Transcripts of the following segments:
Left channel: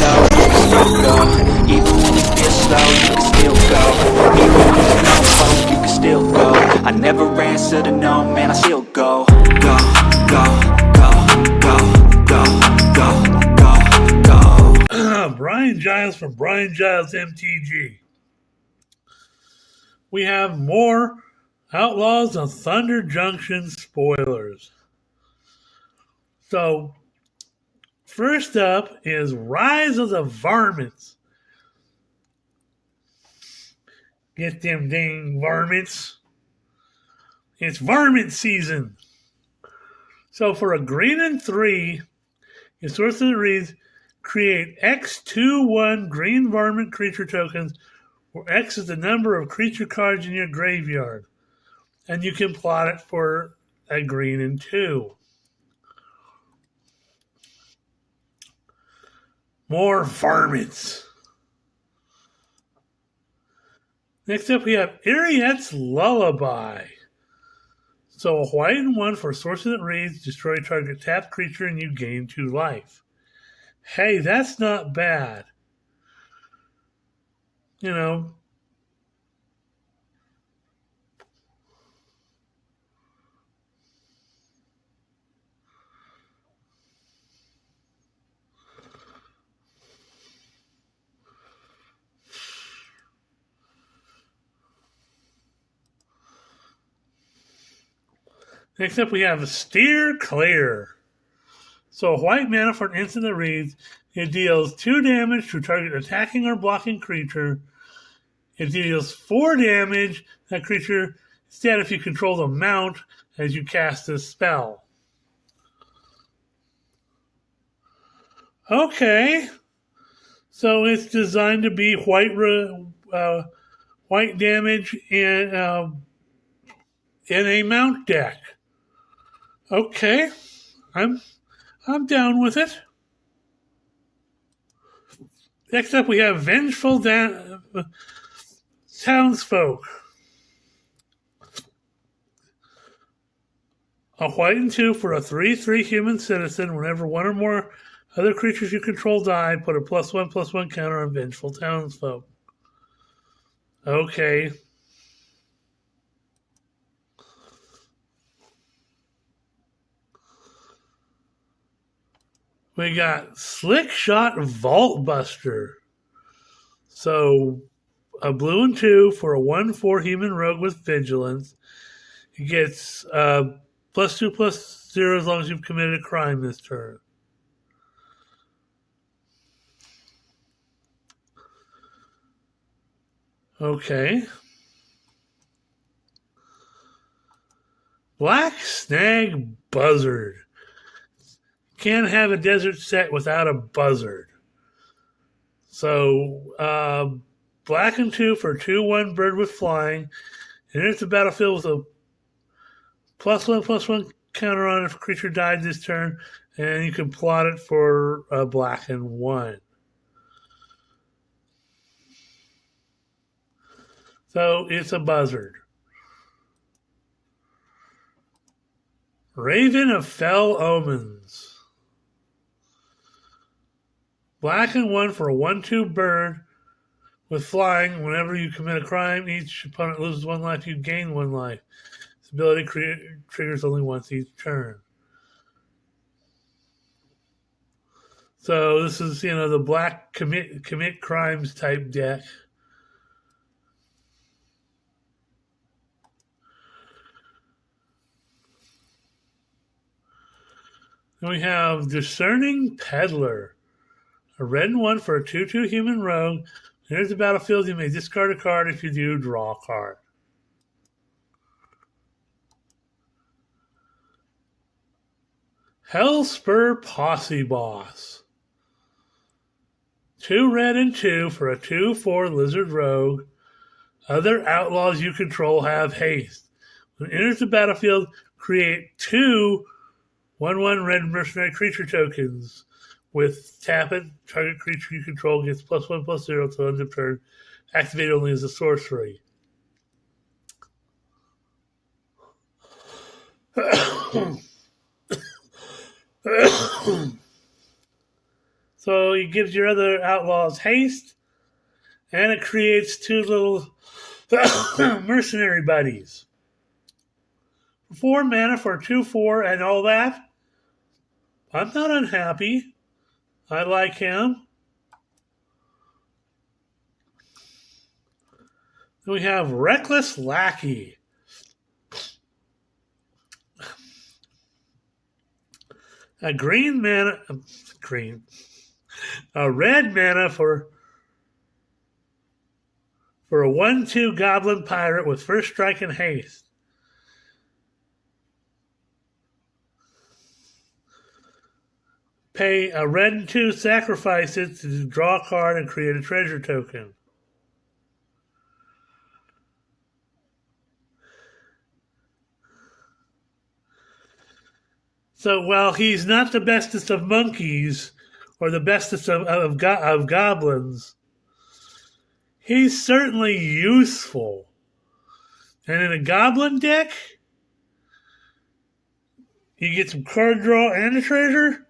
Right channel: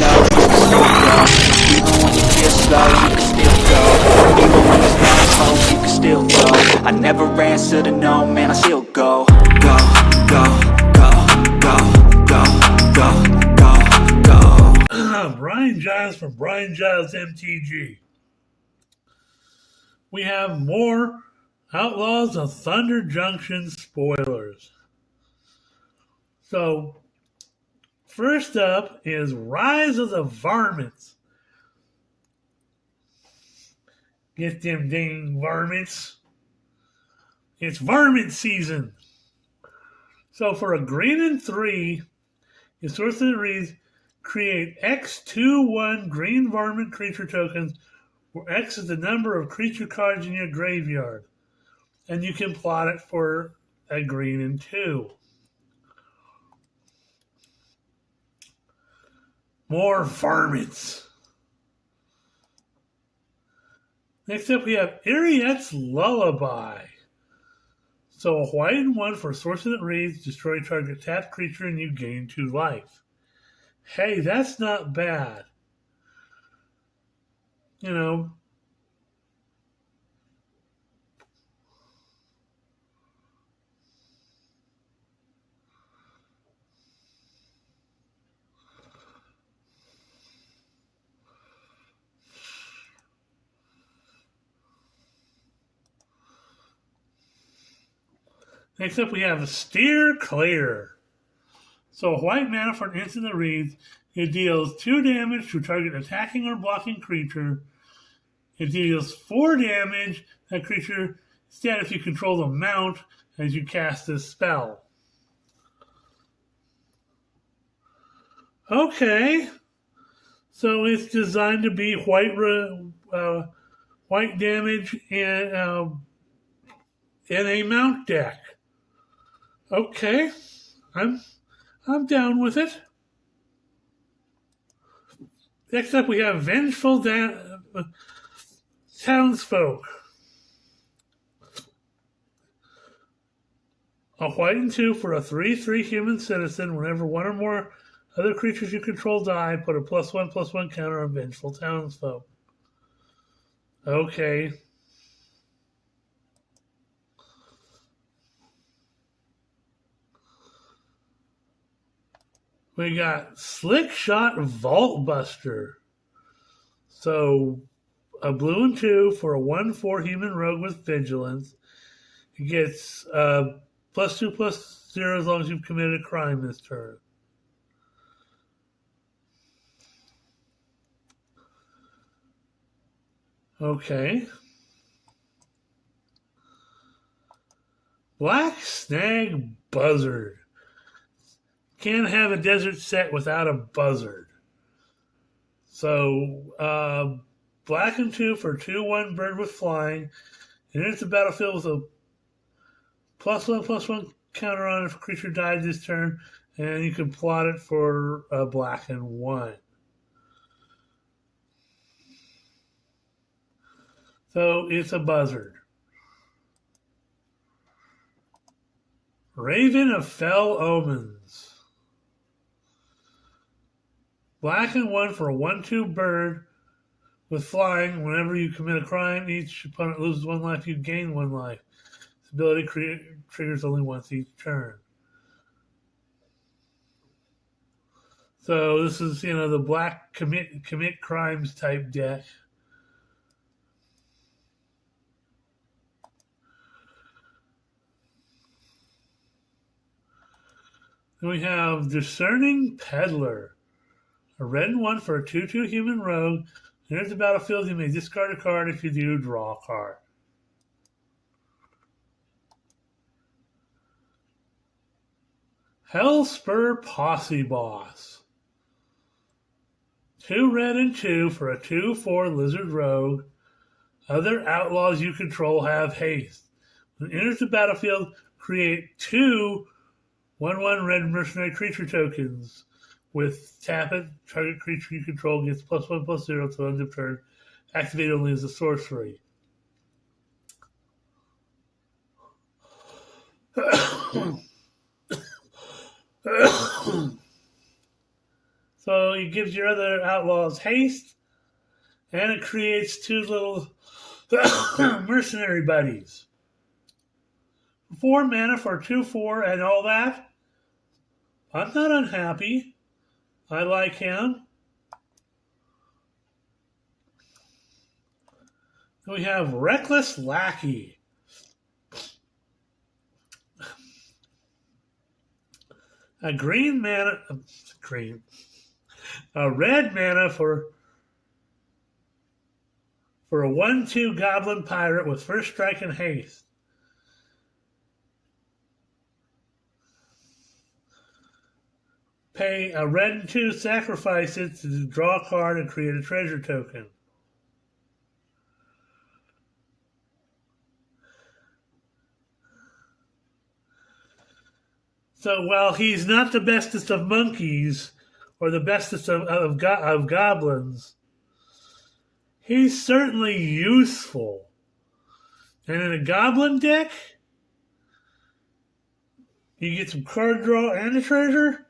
low, you can still go. Even when you feel slow, you can still go. Even when there's no hope, you can still go. I never answer to no, man, I still go. Go, go, go, go, go, go, go, go. Brian Giles from Brian Giles MTG. We have more Outlaws of Thunder Junction spoilers. So, first up is Rise of the Varmints. Get them dang varmints. It's varmint season. So for a green and 3, your sorcerer reads, create X2/1 green varmint creature tokens, where X is the number of creature cards in your graveyard. And you can plot it for a green and 2. More varmints. Next up, we have Ariette's Lullaby. So a white and 1 for a sorcerer that reads, destroy target tapped creature and you gain 2 life. Hey, that's not bad. You know. Next up, we have Steer Clear. So a white mana for an instant that reads, it deals 2 damage to target attacking or blocking creature. It deals 4 damage to that creature instead if you control the amount as you cast this spell. Okay. So it's designed to be white damage and in a mount deck. Okay, I'm down with it. Next up, we have Vengeful Townsfolk. A white and 2 for a 3/3 human citizen. Whenever one or more other creatures you control die, put a +1/+1 counter on Vengeful Townsfolk. Okay. We got Slick Shot Vault Buster. So, a blue and 2 for a 1/4 human rogue with vigilance. He gets +2/+0 as long as you've committed a crime this turn. Okay. Black Snag Buzzard. Can't have a desert set without a buzzard. So, black and 2 for 2/1 bird with flying. Enters the battlefield with a +1/+1 counter on if a creature died this turn, and you can plot it for a black and 1. So it's a buzzard. Raven of Fell Omens. Black and 1 for a 1/2 bird with flying. Whenever you commit a crime, each opponent loses 1 life, you gain 1 life. This ability triggers only once each turn. So this is, the black commit crimes type deck. Then we have Discerning Peddler. A red and 1 for a 2/2 human rogue. Enters the battlefield, you may discard a card. If you do, draw a card. Hellspur Posse Boss. 2 red and 2 for a 2/4 lizard rogue. Other outlaws you control have haste. When it enters the battlefield, create 2 1/1 red mercenary creature tokens. With tap it, target creature you control gets +1/+0 till end of turn. Activate only as a sorcery. So it gives your other outlaws haste, and it creates two little mercenary buddies. 4 mana for 2/4 and all that. I'm not unhappy. I like him. Then we have Reckless Lackey. A red mana for a 1/2 goblin pirate with first strike and haste. Pay a red and 2, sacrifice it to draw a card and create a treasure token. So while he's not the bestest of monkeys or the bestest of goblins, he's certainly useful. And in a goblin deck, you get some card draw and a treasure.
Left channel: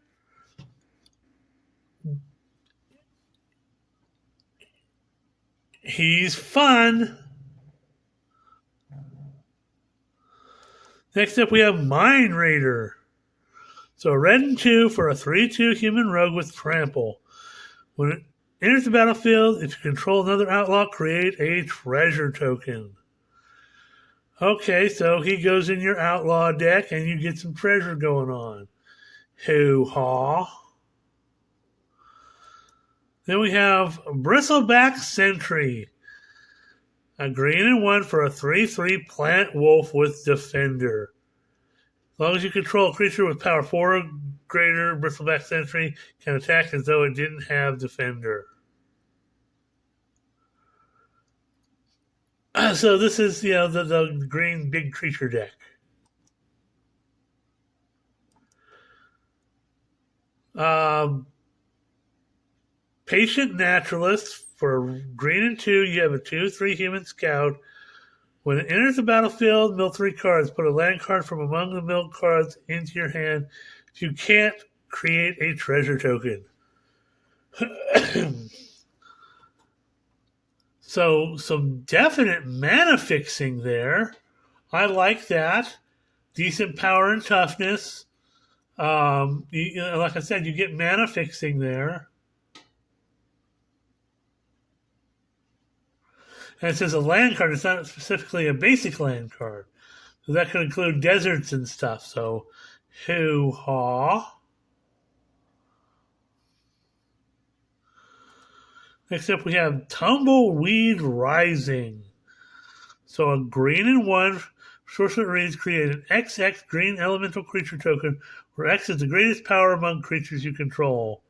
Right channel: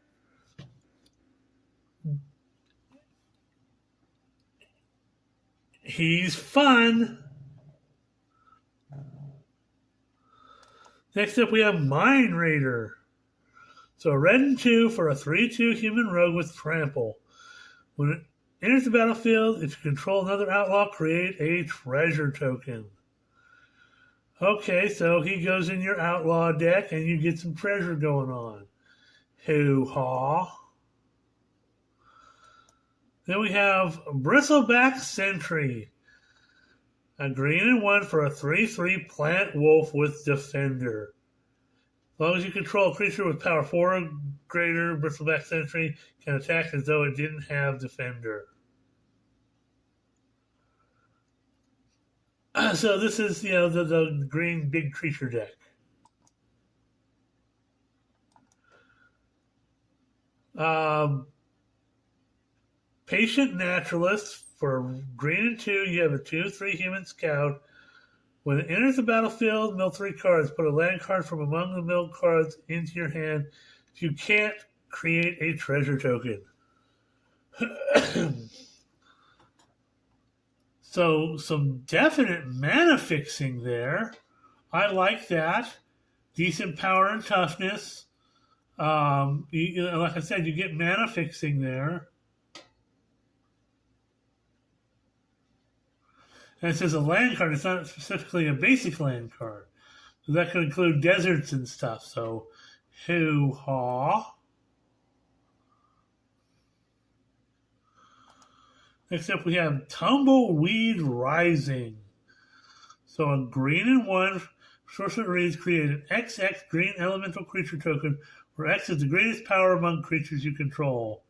He's fun. Next up, we have Mind Raider. So a red and 2 for a 3/2 human rogue with trample. When it enters the battlefield, if you control another outlaw, create a treasure token. Okay, so he goes in your outlaw deck and you get some treasure going on. Hoo-haw. Then we have Bristleback Sentry. A green and 1 for a 3/3 plant wolf with defender. As long as you control a creature with power 4 or greater, Bristleback Sentry can attack as though it didn't have defender. So this is, the green big creature deck. Patient Naturalist. For green and 2, you have a 2/3 human scout. When it enters the battlefield, mill 3 cards. Put a land card from among the milled cards into your hand. If you can't, create a treasure token. So some definite mana fixing there. I like that. Decent power and toughness. Like I said, you get mana fixing there. And it says a land card. It's not specifically a basic land card. So that could include deserts and stuff. So, hoo-haw. Next up, we have Tumbleweed Rising. So a green and 1 sorcerer reads, create an XX green elemental creature token where X is the greatest power among creatures you control.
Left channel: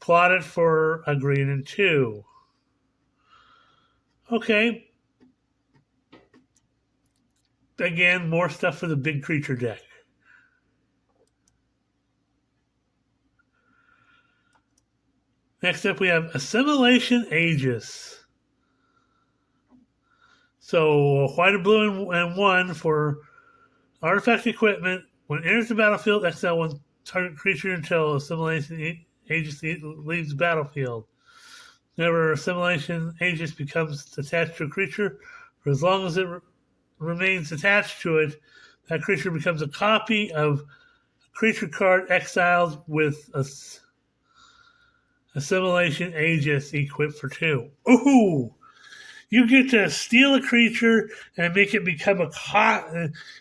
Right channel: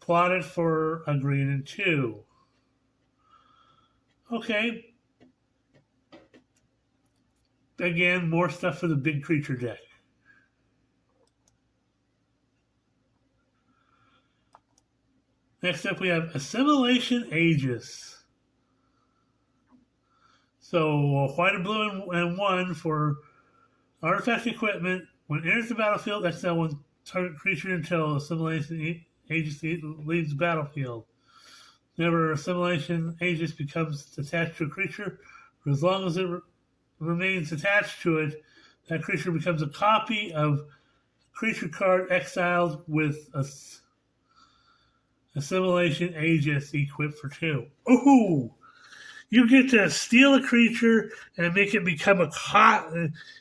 Plot it for a green and 2. Okay. Again, more stuff for the big creature deck. Next up, we have Assimilation Aegis. So, white and blue and 1 for artifact equipment. When it enters the battlefield, exile 1 target creature until Assimilation Aegis leaves the battlefield. Whenever Assimilation Aegis becomes attached to a creature, for as long as it remains attached to it, that creature becomes a copy of a creature card exiled with Assimilation Aegis equipped for 2. Ooh! You get to steal a creature and make it become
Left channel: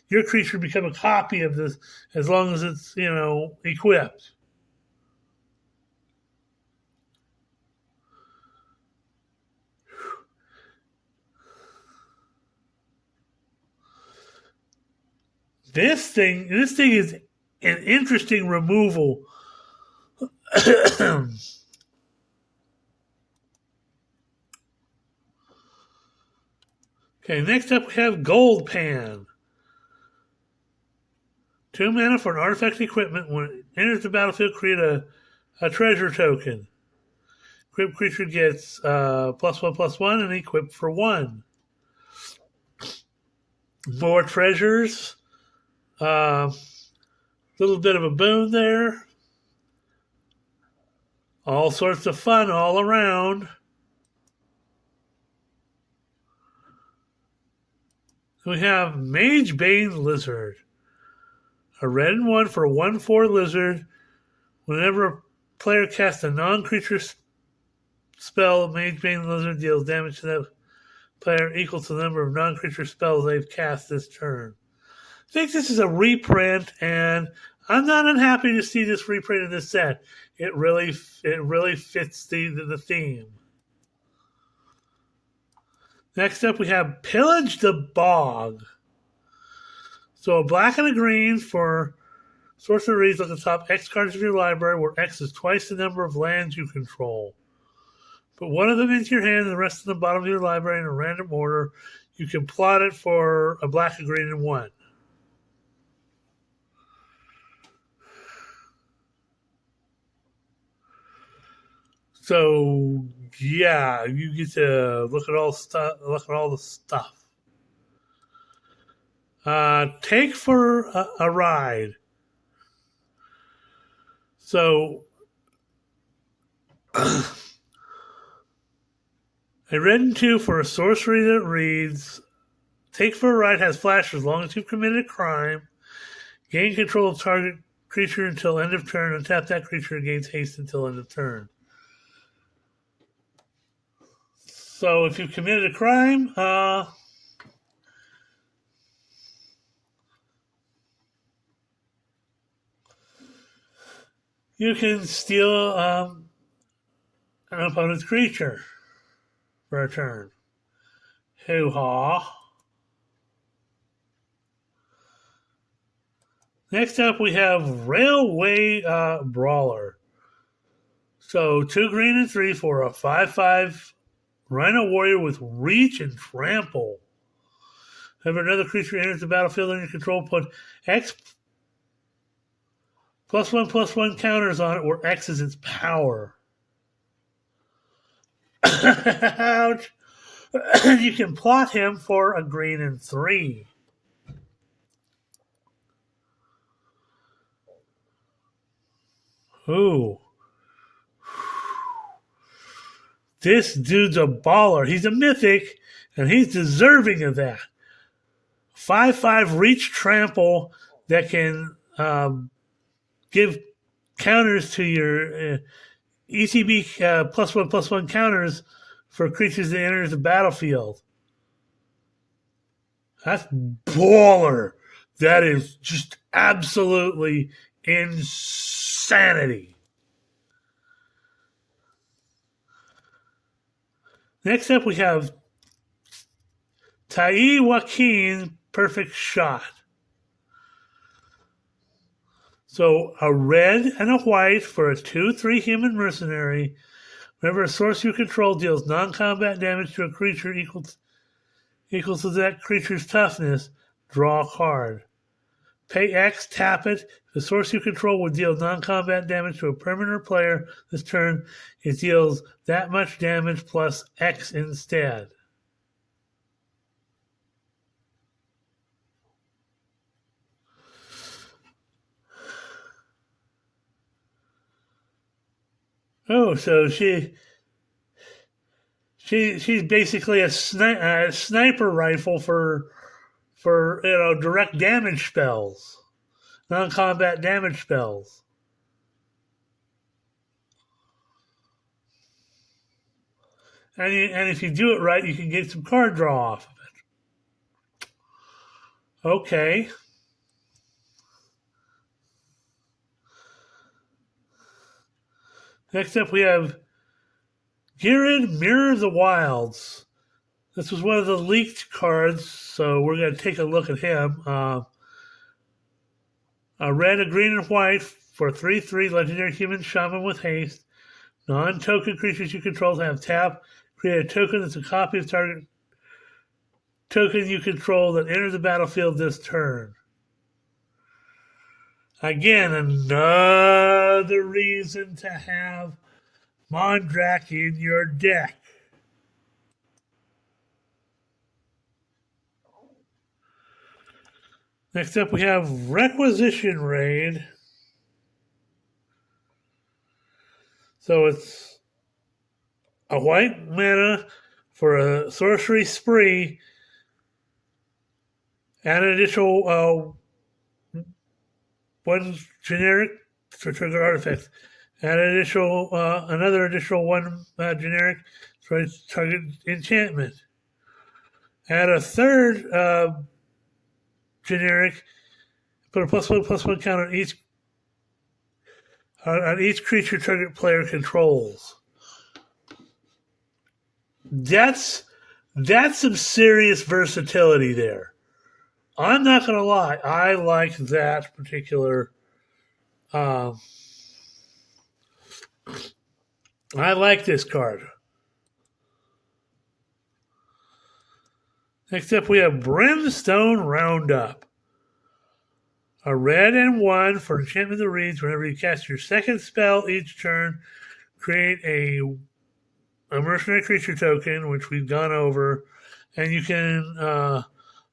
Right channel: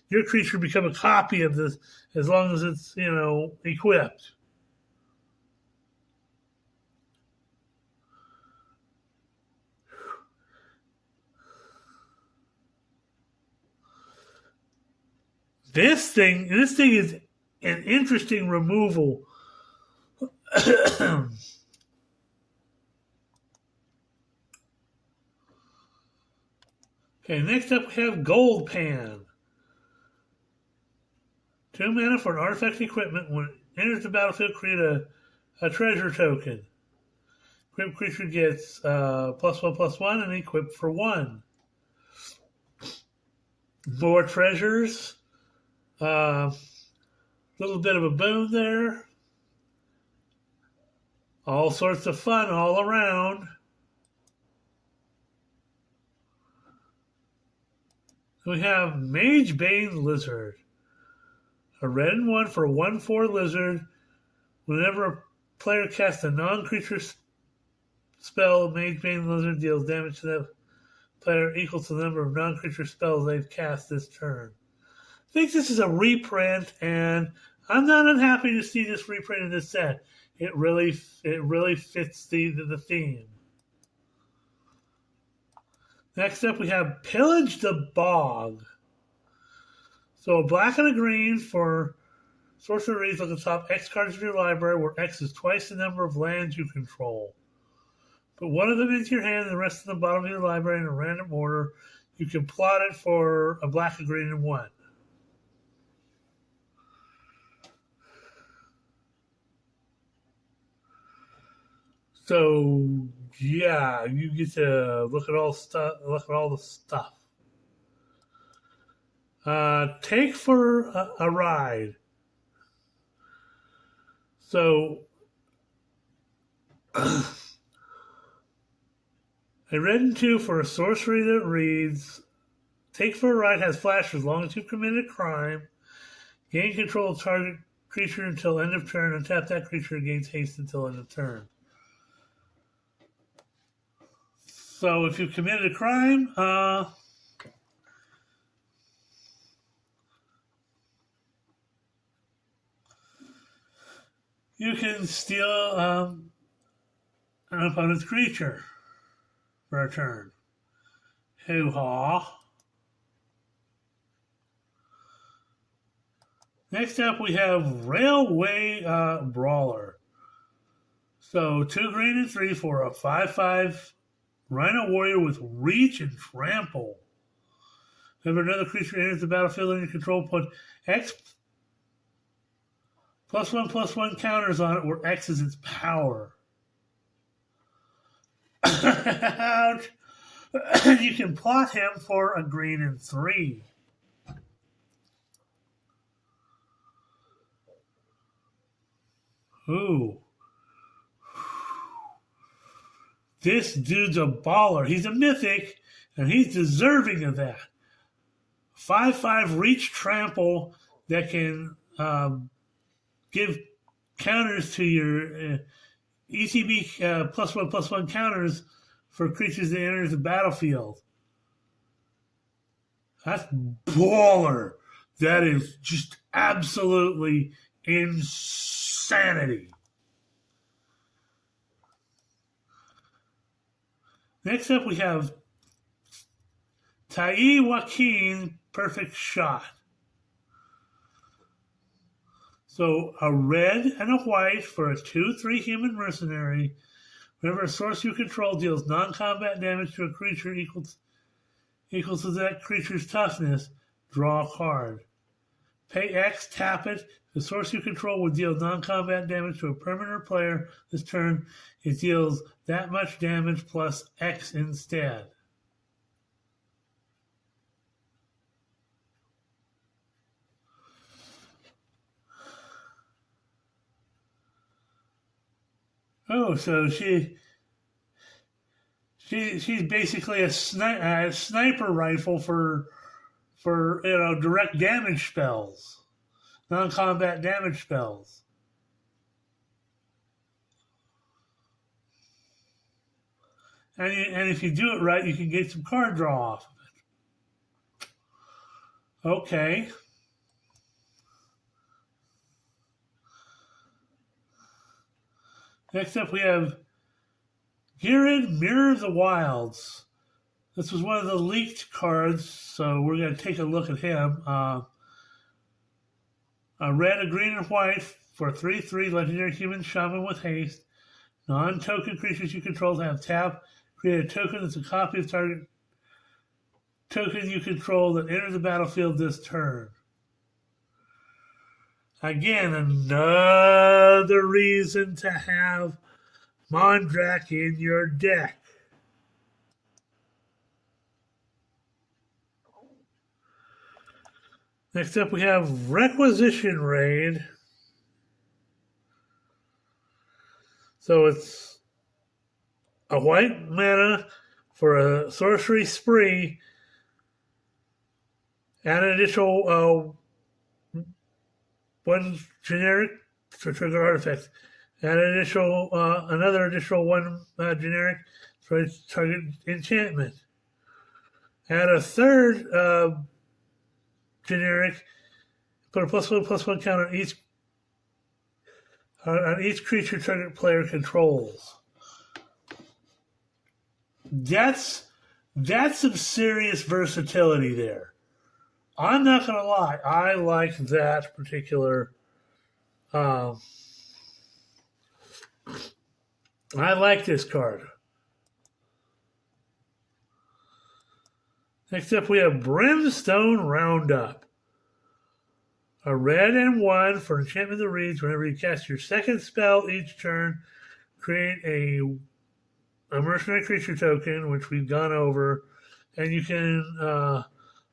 your creature become a copy of this as long as it's, equipped. This thing is an interesting removal. Okay, next up we have Gold Pan. 2 mana for an artifact equipment. When it enters the battlefield, create a treasure token. Equipped creature gets +1/+1 and equipped for 1. More treasures. Little bit of a boon there. All sorts of fun all around. We have Mage Bane Lizard. A red and 1 for a 1/4 lizard. Whenever a player casts a non-creature spell, Mage Bane Lizard deals damage to that player equal to the number of non-creature spells they've cast this turn. I think this is a reprint, and I'm not unhappy to see this reprint in this set. It really fits the theme. Next up, we have Pillage the Bog. So a black and a green for sorcery reads on the top X cards of your library, where X is twice the number of lands you control. Put one of them into your hand and the rest in the bottom of your library in a random order. You can plot it for a black, a green, and 1. So yeah, you get to look at all the stuff. Take for a ride. So a red and 2 for a sorcery that reads, take for a ride has flash as long as you've committed a crime. Gain control of target creature until end of turn, and tap that creature and gains haste until end of turn. So if you committed a crime, you can steal an opponent's creature for a turn. Hoo-ha. Next up, we have Railway Brawler. So 2 green and 3 for a 5/5 Rhino Warrior with Reach and Trample. Whenever another creature enters the battlefield under your control, put X +1/+1 counters on it, where X is its power. Ouch. You can plot him for a green and 3. Ooh. This dude's a baller. He's a mythic, and he's deserving of that. 5/5 Reach Trample that can give counters to your ETB +1/+1 counters for creatures that enter the battlefield. That's baller. That is just absolutely insanity. Next up, we have Tai Joaquin Perfect Shot. So a red and a white for a 2/3 human mercenary. Whenever a source you control deals non-combat damage to a creature equal to that creature's toughness, draw a card. Pay X, tap it. The source you control will deal non-combat damage to a permanent player this turn. It deals that much damage plus X instead. Oh, so she's basically a sniper rifle for direct damage spells, non-combat damage spells. And if you do it right, you can get some card draw off of it. Okay. Next up, we have Girid Mirror of the Wilds. This was one of the leaked cards, so we're going to take a look at him. A red, a green, and white for 3/3 legendary human shaman with haste. Non-token creatures you control have tap. Create a token that's a copy of target token you control that enters the battlefield this turn. Again, another reason to have Mondrak in your deck. Next up, we have Requisition Raid. So it's a white mana for a sorcery spree, and an additional one generic to trigger artifacts, and another additional one generic for target enchantment. Add a third generic, put a +1/+1 counter on each creature target player controls. That's some serious versatility there. I'm not gonna lie, I like that particular. I like this card. Next up, we have Brimstone Roundup. A red and 1 for Enchantment of the Reeds. Whenever you cast your second spell each turn, create a mercenary creature token, which we've gone over, and you can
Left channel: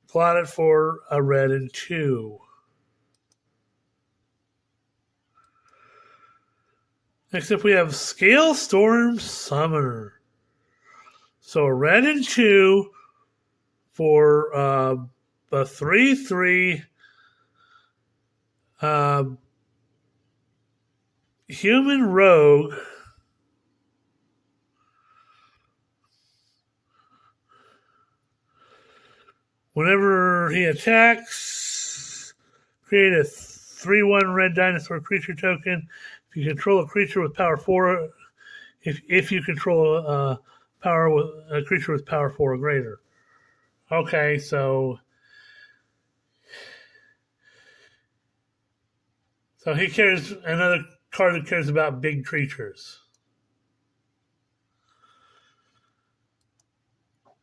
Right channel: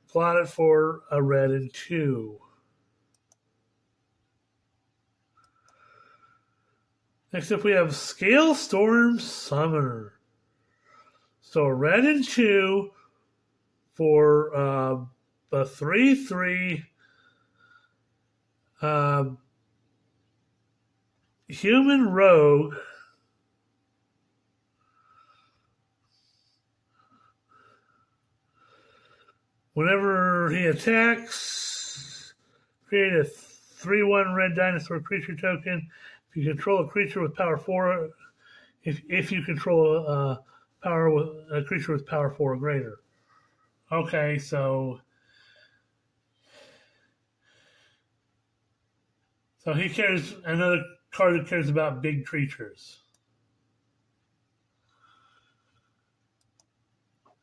plot it for a red and 2. Next up, we have Scalestorm Summoner. So a red and 2 for a 3/3 human rogue. Whenever he attacks, create a 3/1 red dinosaur creature token. If you control a creature with power 4, if you control a creature with power 4 or greater. Okay, so he cares, another card that cares about big creatures.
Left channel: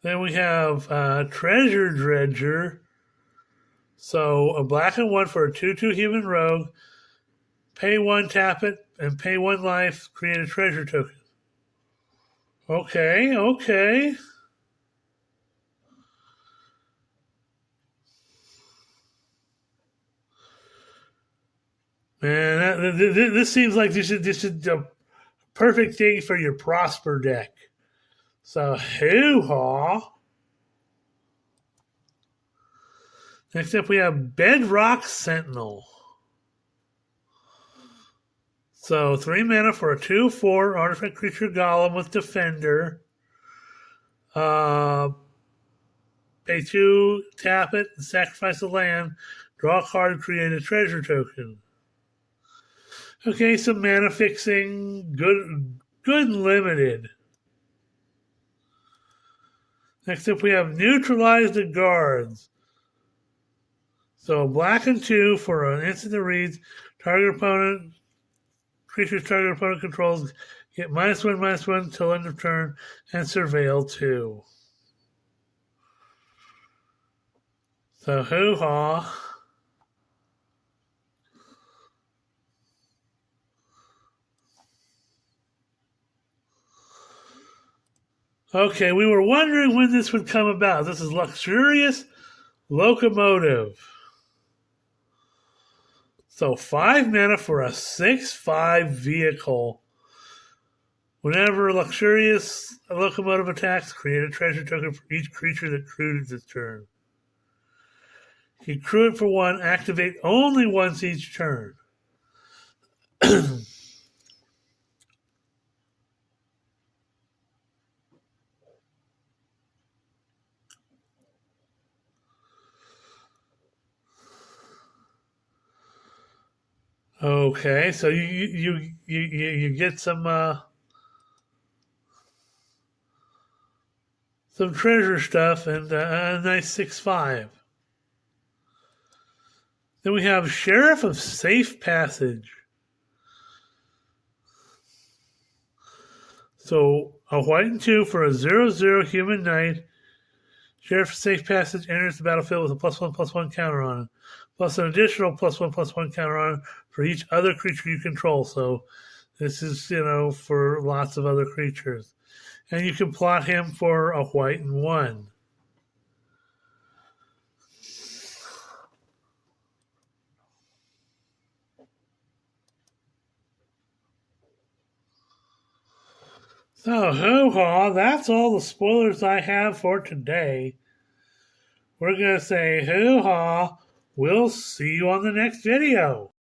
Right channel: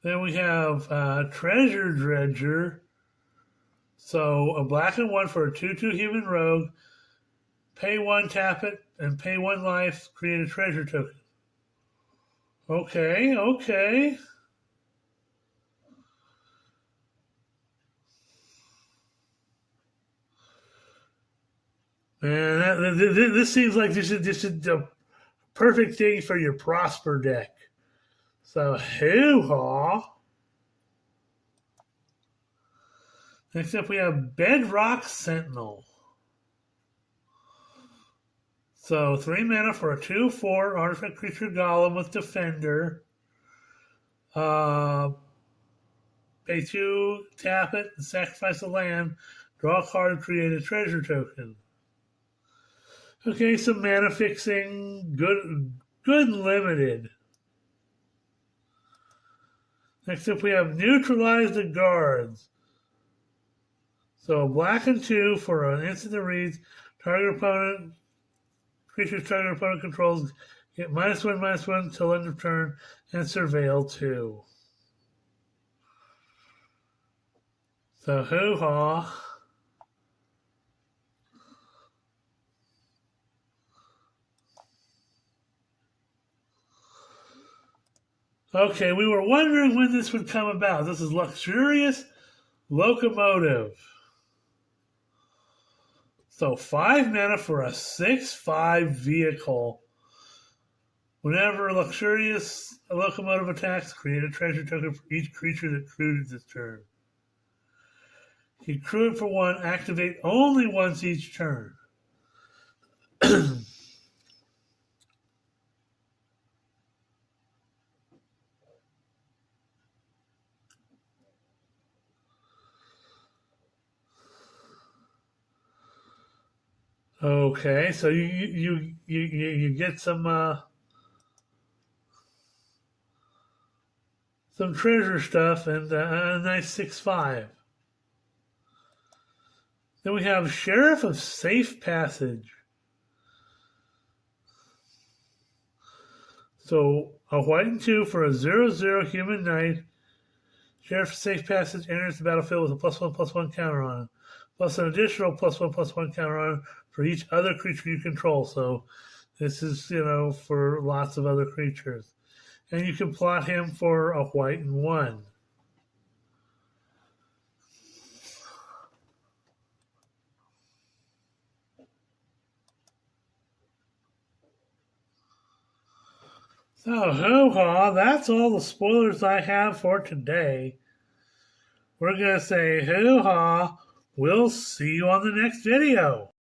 Then we have Treasure Dredger. So a black and 1 for a 2/2 human rogue. Pay 1, tap it, and pay 1 life, create a treasure token. Okay. Man, this seems like this is the perfect thing for your Prosper deck. So, hoo-haw. Next up, we have Bedrock Sentinel. So, 3 mana for a 2/4 artifact creature golem with Defender. Pay 2, tap it, and sacrifice a land. Draw a card, create a treasure token. Okay, some mana fixing, good and limited. Next up, we have Neutralize the Guards. So black and 2 for an instant that reads, creature's target opponent controls get -1/-1 till end of turn and surveil 2. So hoo-haw. Okay, we were wondering when this would come about. This is Luxurious Locomotive. So 5 mana for a 6/5 vehicle. Whenever Luxurious Locomotive attacks, create a treasure token for each creature that crewed this turn. You crew it for 1, activate only once each turn. Okay, so you get some treasure stuff and a nice 6/5. Then we have Sheriff of Safe Passage. So a white and 2 for a 0/0 human knight. Sheriff of Safe Passage enters the battlefield with a +1/+1 counter on it, plus an additional +1/+1 counter on it for each other creature you control. So this is, for lots of other creatures. And you can plot him for a white and 1. So, hoo-ha, that's all the spoilers I have for today. We're going to say hoo-ha. We'll see you on the next video.